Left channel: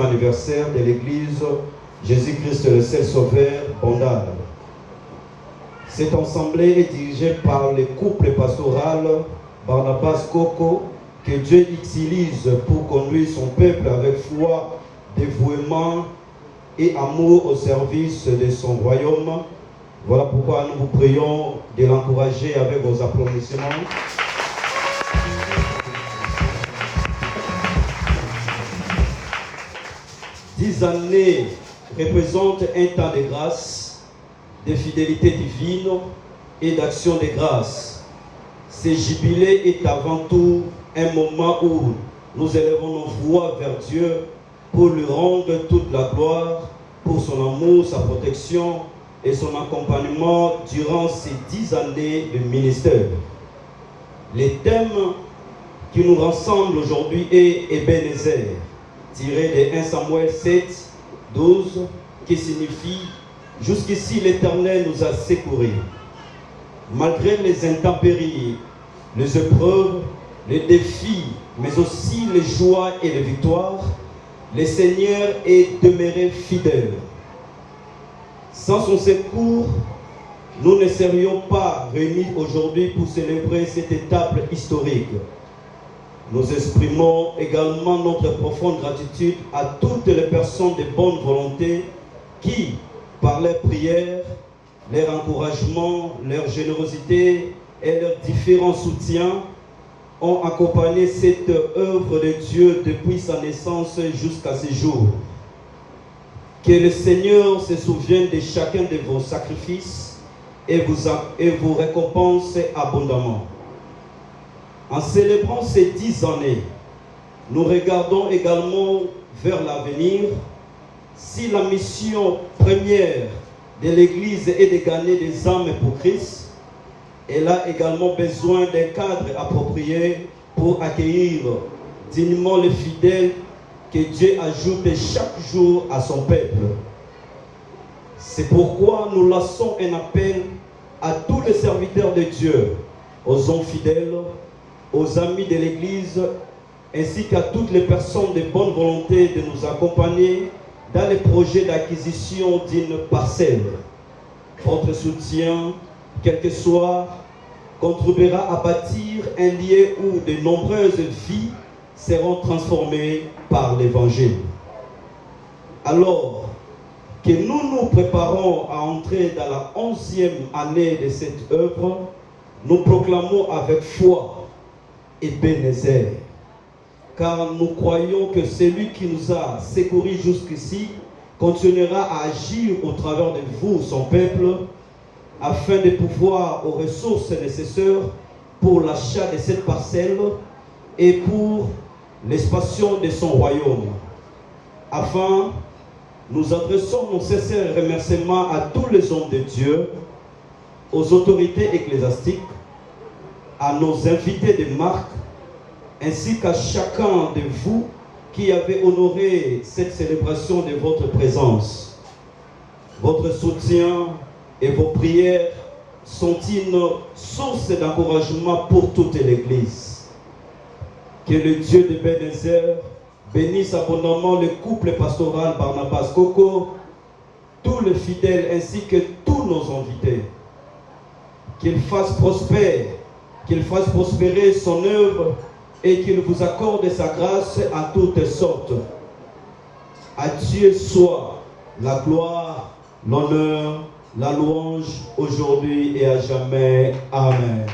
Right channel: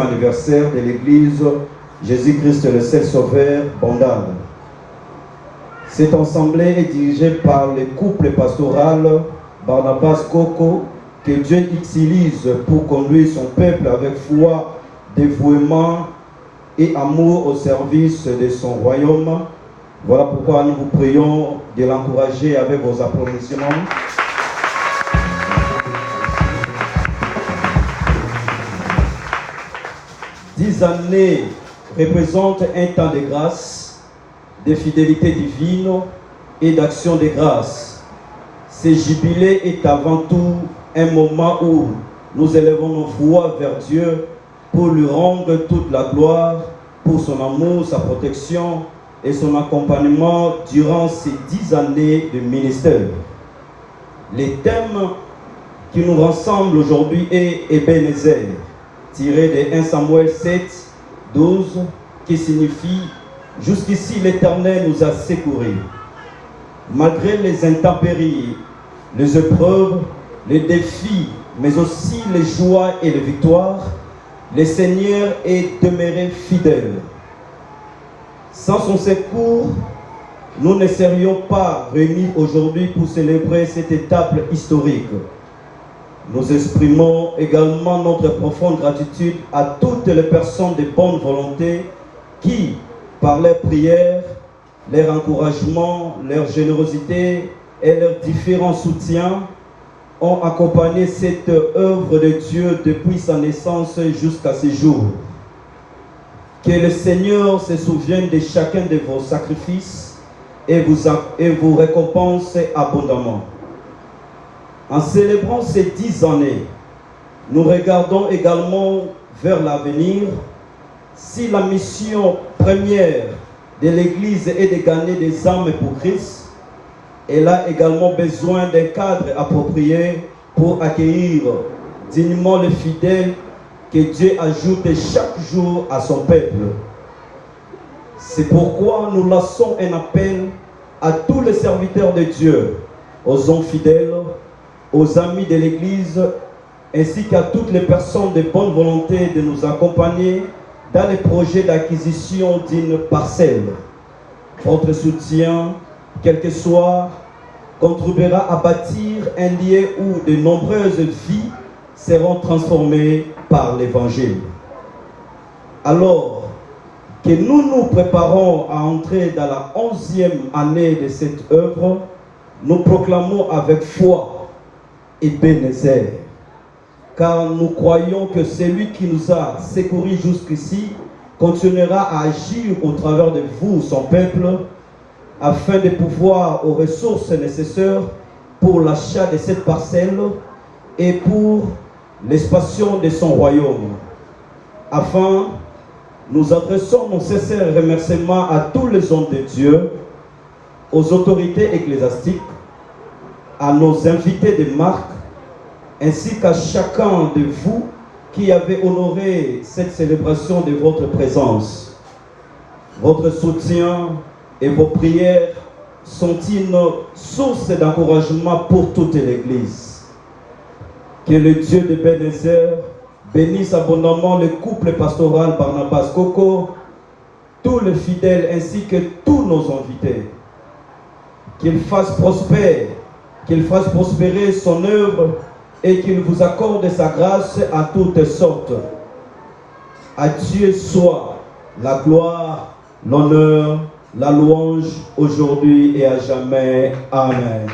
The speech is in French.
Anniversaire de l'église Jésus-Christ le seul sauveur Bondal. Cette assemblée est dirigée par le couple pastoral Barnabas Coco que Dieu utilise pour conduire son peuple avec foi, dévouement et amour au service de son royaume. Voilà pourquoi nous vous prions de l'encourager avec vos applaudissements. Dix années représentent un temps de grâce, de fidélité divine et d'action de grâce. Ce jubilé est avant tout un moment où nous élevons nos voix vers Dieu pour lui rendre toute la gloire pour son amour, sa protection et son accompagnement durant ces 10 années de ministère. Le thème qui nous rassemble aujourd'hui est Ebenezer, tiré de 1 Samuel 7, 12, qui signifie « Jusqu'ici l'Éternel nous a secourus ». Malgré les intempéries, les épreuves, les défis, mais aussi les joies et les victoires, le Seigneur est demeuré fidèle. Sans son secours, nous ne serions pas réunis aujourd'hui pour célébrer cette étape historique. Nous exprimons également notre profonde gratitude à toutes les personnes de bonne volonté qui, par leurs prières, leur encouragement, leur générosité et leurs différents soutiens, ont accompagné cette œuvre de Dieu depuis sa naissance jusqu'à ce jour. Que le Seigneur se souvienne de chacun de vos sacrifices et vous récompense abondamment. En célébrant ces 10 années, nous regardons également vers l'avenir. Si la mission première de l'Église est de gagner des âmes pour Christ, elle a également besoin d'un cadre approprié pour accueillir dignement les fidèles que Dieu ajoute chaque jour à son peuple. C'est pourquoi nous lançons un appel à tous les serviteurs de Dieu, aux hommes fidèles, aux amis de l'Église, ainsi qu'à toutes les personnes de bonne volonté de nous accompagner dans les projets d'acquisition d'une parcelle. Votre soutien, quel que soit, contribuera à bâtir un lieu où de nombreuses vies seront transformées par l'Évangile. Alors que nous nous préparons à entrer dans la 11e année de cette œuvre, nous proclamons avec foi Ebenezer, car nous croyons que celui qui nous a secourus jusqu'ici continuera à agir au travers de vous, son peuple, afin de pouvoir aux ressources nécessaires pour l'achat de cette parcelle et pour l'expansion de son royaume. Enfin, nous adressons nos sincères remerciements à tous les hommes de Dieu, aux autorités ecclésiastiques, à nos invités de marque, ainsi qu'à chacun de vous qui avez honoré cette célébration de votre présence. Votre soutien et vos prières sont une source d'encouragement pour toute l'Église. Que le Dieu de Ebenezer bénisse abondamment le couple pastoral Barnabas Coco, tous les fidèles ainsi que tous nos invités. Qu'il fasse prospérer son œuvre et qu'il vous accorde sa grâce en toutes sortes. À Dieu soit la gloire, l'honneur, la louange aujourd'hui et à jamais. Amen.